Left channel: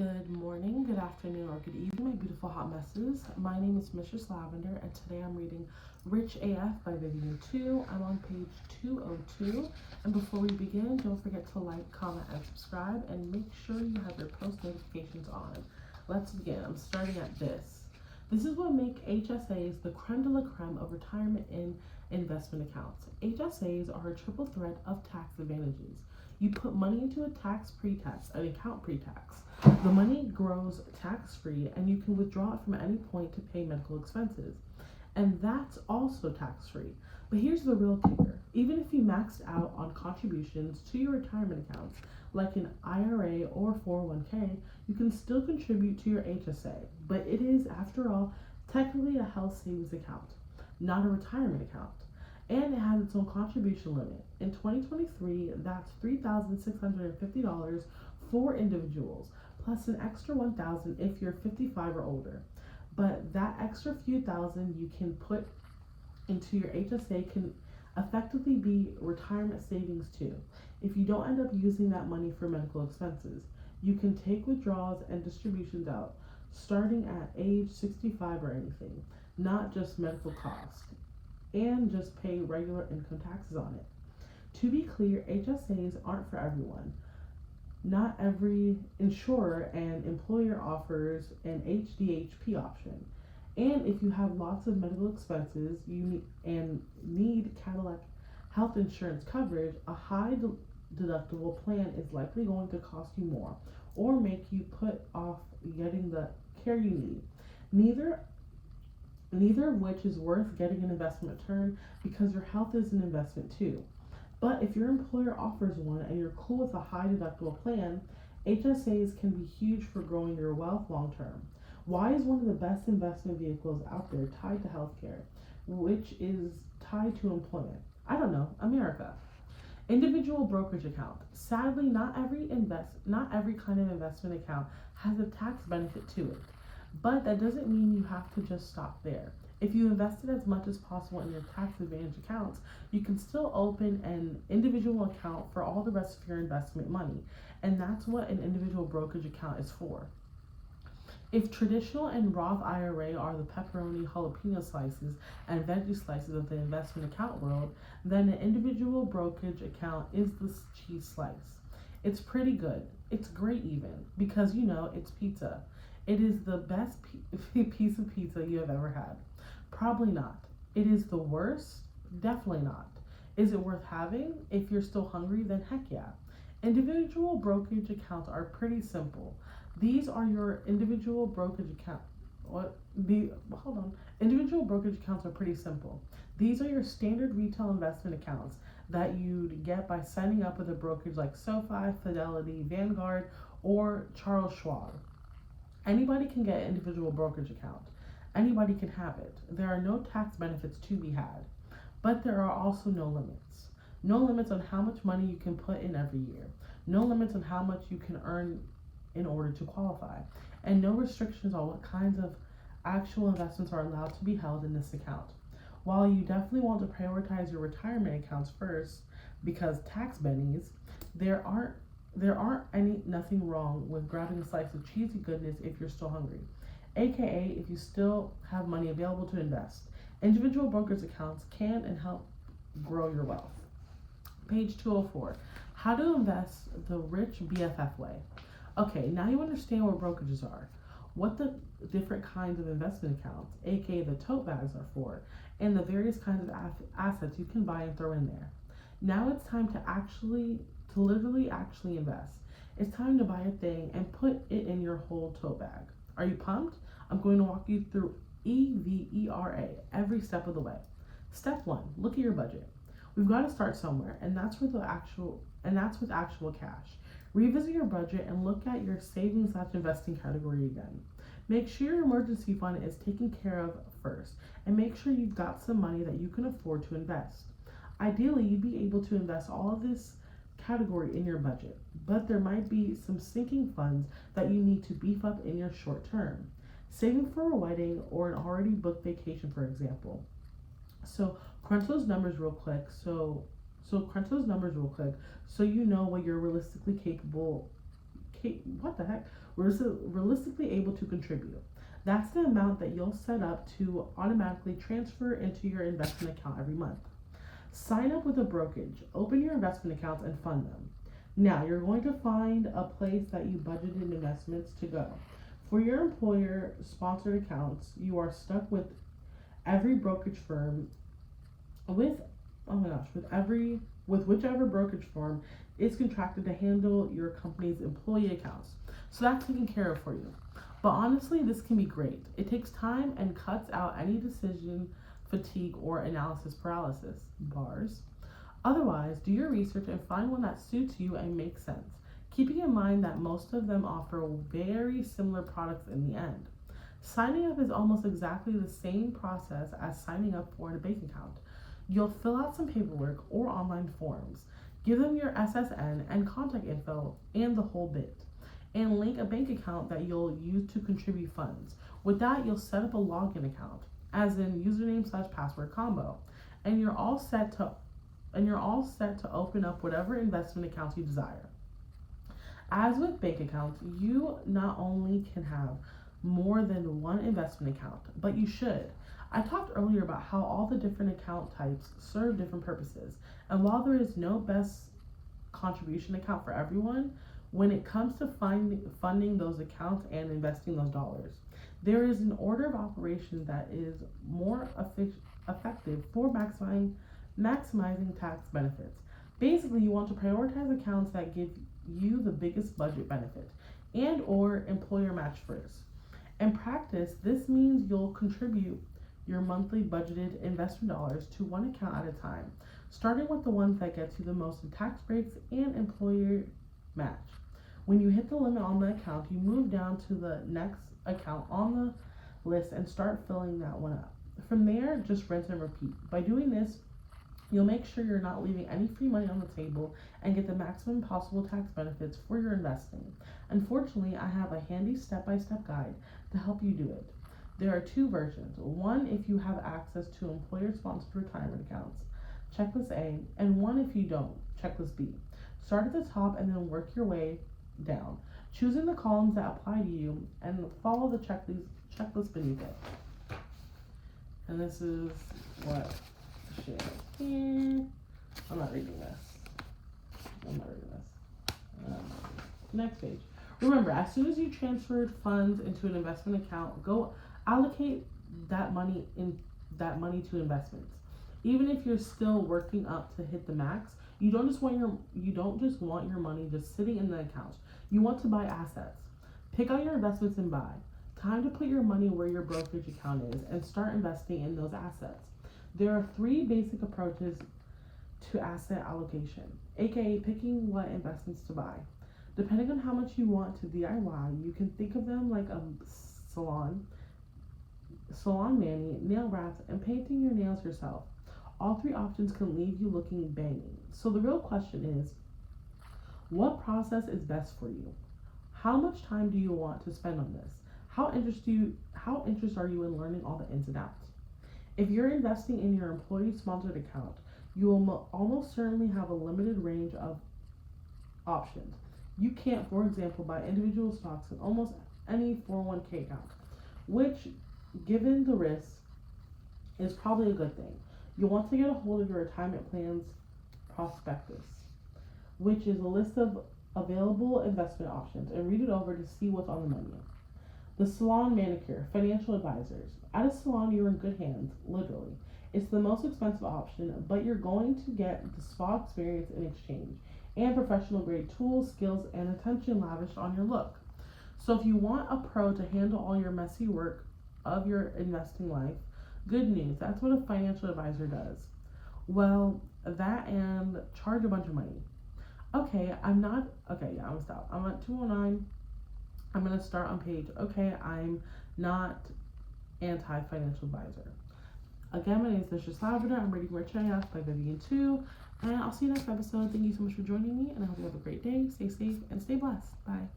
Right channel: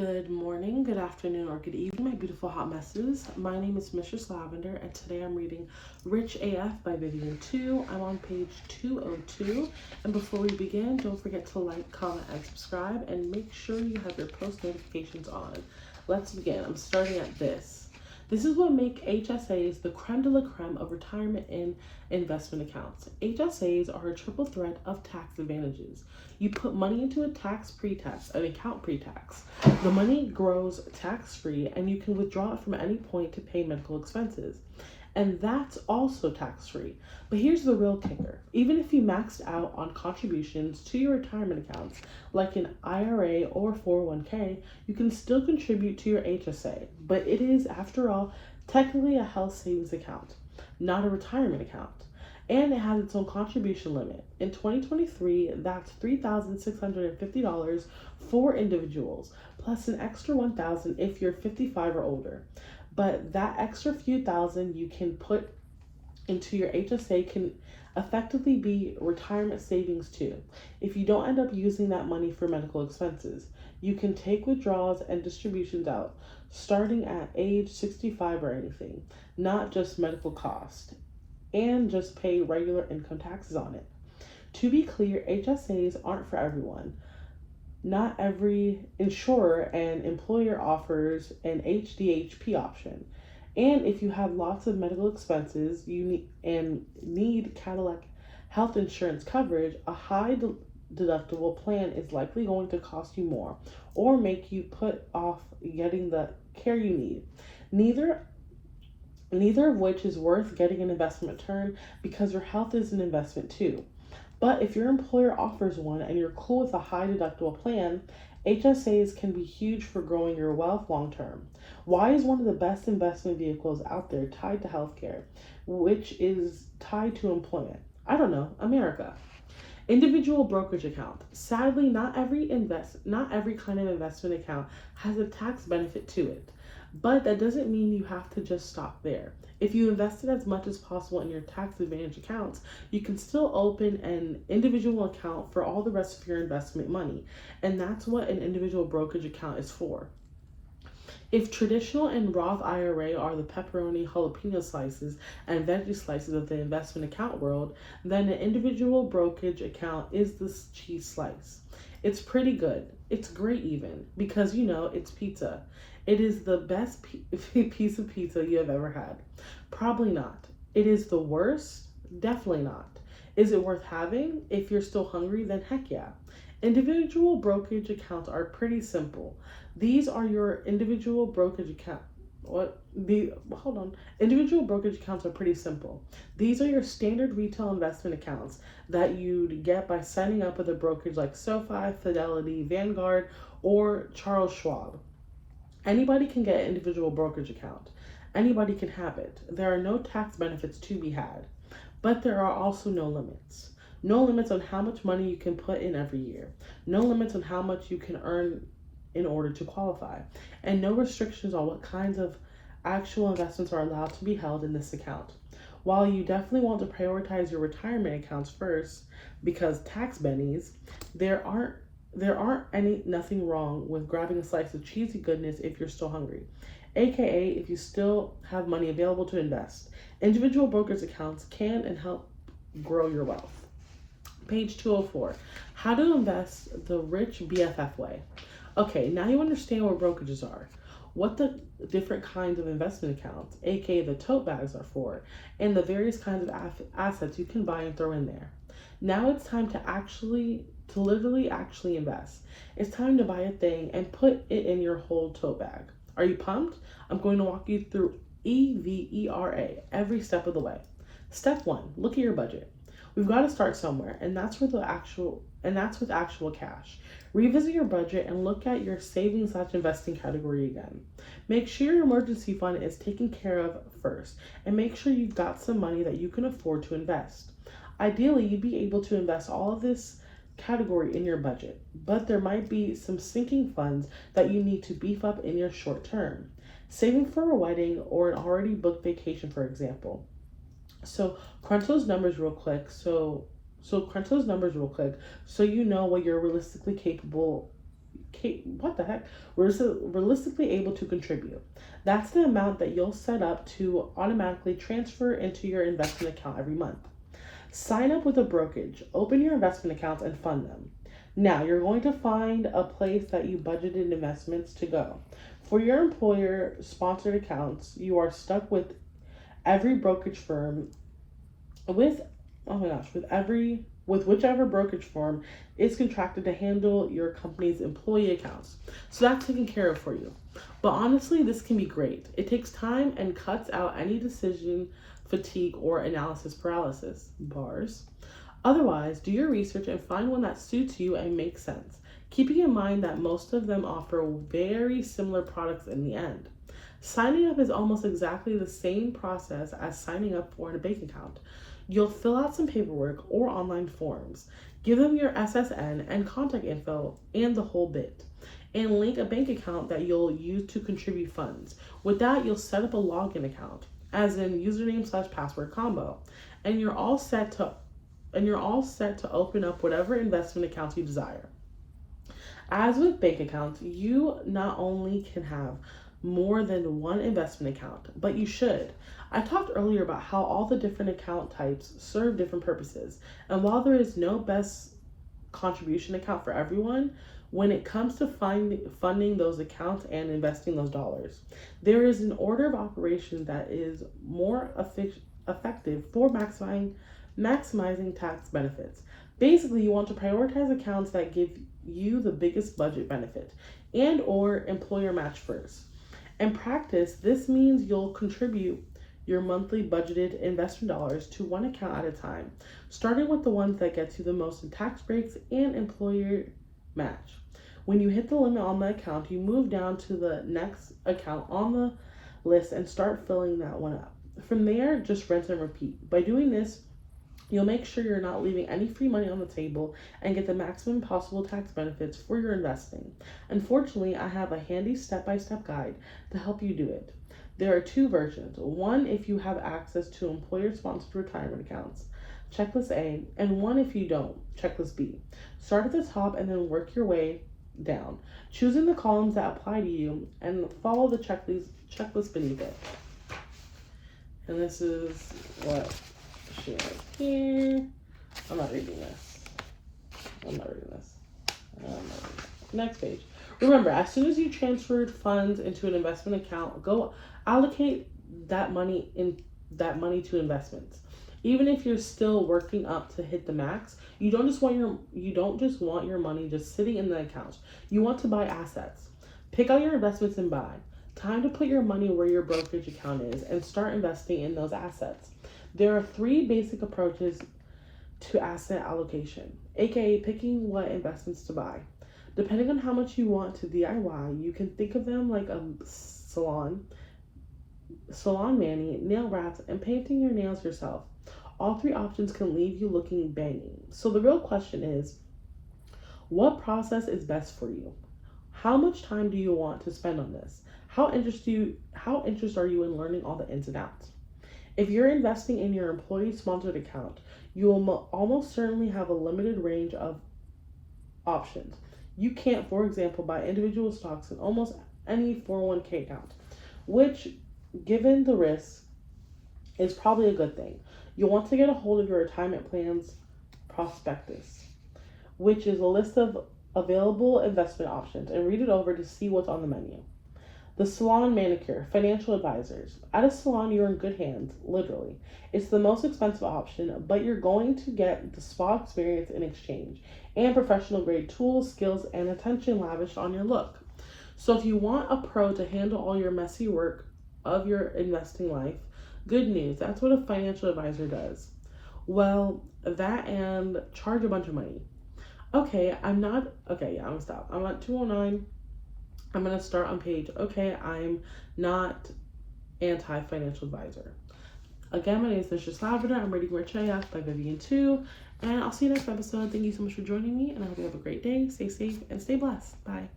Good morning, good afternoon, or good evening, my beautiful hot messes. My name is Mistress Lavender, and today I'm reading Rich AF by Vivian Tu. I'm on page 202. And before we begin, don't forget to like, comment, and subscribe, and make sure you have your post notifications on. Let's begin. I'm starting at this. This is what make HSAs the creme de la creme of retirement and investment accounts. HSAs are a triple threat of tax advantages. You put money into an account pre-tax. The money grows tax-free and you can withdraw it from any point to pay medical expenses. And that's also tax-free. But here's the real kicker. Even if you maxed out on contributions to your retirement accounts, like an IRA or 401k, you can still contribute to your HSA. But it is, after all, technically a health savings account, not a retirement account. And it has its own contribution limit. In 2023, that's $3,650 for individuals, plus an extra $1,000 if you're 55 or older. But that extra few thousand you can put into your HSA can effectively be retirement savings too. If you don't end up using that money for medical expenses, you can take withdrawals and distributions out starting at age 65 or anything, not just medical cost, and just pay regular income taxes on it. To be clear, HSAs aren't for everyone. Not every insurer and employer offers an HDHP option. And if you have lots of medical expenses need Cadillac health insurance coverage, a high deductible plan is likely going to cost you more or make you put off getting the care you need. Neither of which is worth getting an investment return because your health is an investment too. But if your employer offers one and you're cool with a high deductible plan, HSAs can be huge for growing your wealth long term. Why is one of the best investment vehicles out there tied to healthcare, which is tied to employment? I don't know, America. Individual brokerage account. Sadly, not every kind of investment account has a tax benefit to it. But that doesn't mean you have to just stop there. If you invested as much as possible in your tax advantage accounts, you can still open an individual account for all the rest of your investment money. And that's what an individual brokerage account is for. If traditional and Roth IRA are the pepperoni, jalapeno slices, and veggie slices of the investment account world, then an individual brokerage account is the cheese slice. It's pretty good. It's great even, because it's pizza. It is the best piece of pizza you have ever had. Probably not. It is the worst? Definitely not. Is it worth having? If you're still hungry, then heck yeah. Individual brokerage accounts are pretty simple. These are your individual brokerage account. Individual brokerage accounts are pretty simple. These are your standard retail investment accounts that you'd get by signing up with a brokerage like SoFi, Fidelity, Vanguard, or Charles Schwab. Anybody can get an individual brokerage account. Anybody can have it. There are no tax benefits to be had, but there are also no limits. No limits on how much money you can put in every year. No limits on how much you can earn in order to qualify. And no restrictions on what kinds of actual investments are allowed to be held in this account. While you definitely want to prioritize your retirement accounts first because tax bennies, there aren't nothing wrong with grabbing a slice of cheesy goodness if you're still hungry, aka if you still have money available to invest. Individual brokerage accounts can and help grow your wealth. Page 204. How to invest the rich BFF way. Okay, now you understand what brokerages are, what the different kinds of investment accounts, aka the tote bags, are for, and the various kinds of assets you can buy and throw in there. Now it's time to literally invest. It's time to buy a thing and put it in your whole tote bag. Are you pumped? I'm going to walk you through EVERA every step of the way. Step 1, look at your budget. We've got to start somewhere, and that's with actual cash. Revisit your budget and look at your savings/investing category again. Make sure your emergency fund is taken care of first, and make sure you've got some money that you can afford to invest. Ideally, you'd be able to invest all of this category in your budget, but there might be some sinking funds that you need to beef up in your short term. Saving for a wedding or an already booked vacation, for example. So crunch those numbers real quick. So you know what you're realistically capable realistically able to contribute. That's the amount that you'll set up to automatically transfer into your investment account every month. Sign up with a brokerage, open your investment accounts, and fund them. Now, you're going to find a place that you budgeted investments to go. For your employer sponsored accounts, you are stuck with every brokerage firm with whichever brokerage firm is contracted to handle your company's employee accounts. So that's taken care of for you. But honestly, this can be great. It takes time and cuts out any decision fatigue or analysis paralysis. Bars. Otherwise, do your research and find one that suits you and makes sense, keeping in mind that most of them offer very similar products in the end. Signing up is almost exactly the same process as signing up for a bank account. You'll fill out some paperwork or online forms, give them your SSN and contact info and the whole bit, and link a bank account that you'll use to contribute funds. With that, you'll set up a login account, as in username/password combo, and you're all set to open up whatever investment accounts you desire. As with bank accounts, you not only can have more than one investment account, but you should. I talked earlier about how all the different account types serve different purposes, and while there is no best contribution account for everyone, when it comes to funding those accounts and investing those dollars, there is an order of operation that is more effective for maximizing tax benefits. Basically, you want to prioritize accounts that give you the biggest budget benefit and or employer match first. In practice, this means you'll contribute your monthly budgeted investment dollars to one account at a time, starting with the ones that gets you the most in tax breaks and employer match. When you hit the limit on the account, you move down to the next account on the list and start filling that one up. From there, just rinse and repeat. By doing this, you'll make sure you're not leaving any free money on the table and get the maximum possible tax benefits for your investing. Unfortunately, I have a handy step-by-step guide to help you do it. There are two versions. One if you have access to employer-sponsored retirement accounts, checklist A, and one if you don't, checklist B. Start at the top and then work your way down, choosing the columns that apply to you and follow the checklist beneath it. And this is what she right here. I'm not reading this. Next page. Remember, as soon as you transferred funds into an investment account, go allocate that money to investments. Even if you're still working up to hit the max, you don't just want your money just sitting in the account. You want to buy assets. Pick out your investments and buy. Time to put your money where your brokerage account is and start investing in those assets. There are three basic approaches to asset allocation, aka picking what investments to buy. Depending on how much you want to DIY, you can think of them like a salon mani, nail wraps, and painting your nails yourself. All three options can leave you looking banging. So the real question is, what process is best for you? How much time do you want to spend on this? How interested are you in learning all the ins and outs? If you're investing in your employee-sponsored account, you will almost certainly have a limited range of options. You can't, for example, buy individual stocks in almost any 401k account, which, given the risk, is probably a good thing. You'll want to get a hold of your retirement plan's prospectus, which is a list of available investment options, and read it over to see what's on the menu. The salon manicure, financial advisors. At a salon, you're in good hands, literally. It's the most expensive option, but you're going to get the spa experience in exchange, and professional grade tools, skills, and attention lavished on your look. So if you want a pro to handle all your messy work of your investing life, good news, that's what a financial advisor does. Well, that and charge a bunch of money. I'm gonna stop. I'm at 209. I'm gonna start on page, I'm not anti-financial advisor. Again, my name is Mistress Lavender. I'm reading Rich AF by Vivian 2, and I'll see you next episode. Thank you so much for joining me, and I hope you have a great day. Stay safe and stay blessed. Bye.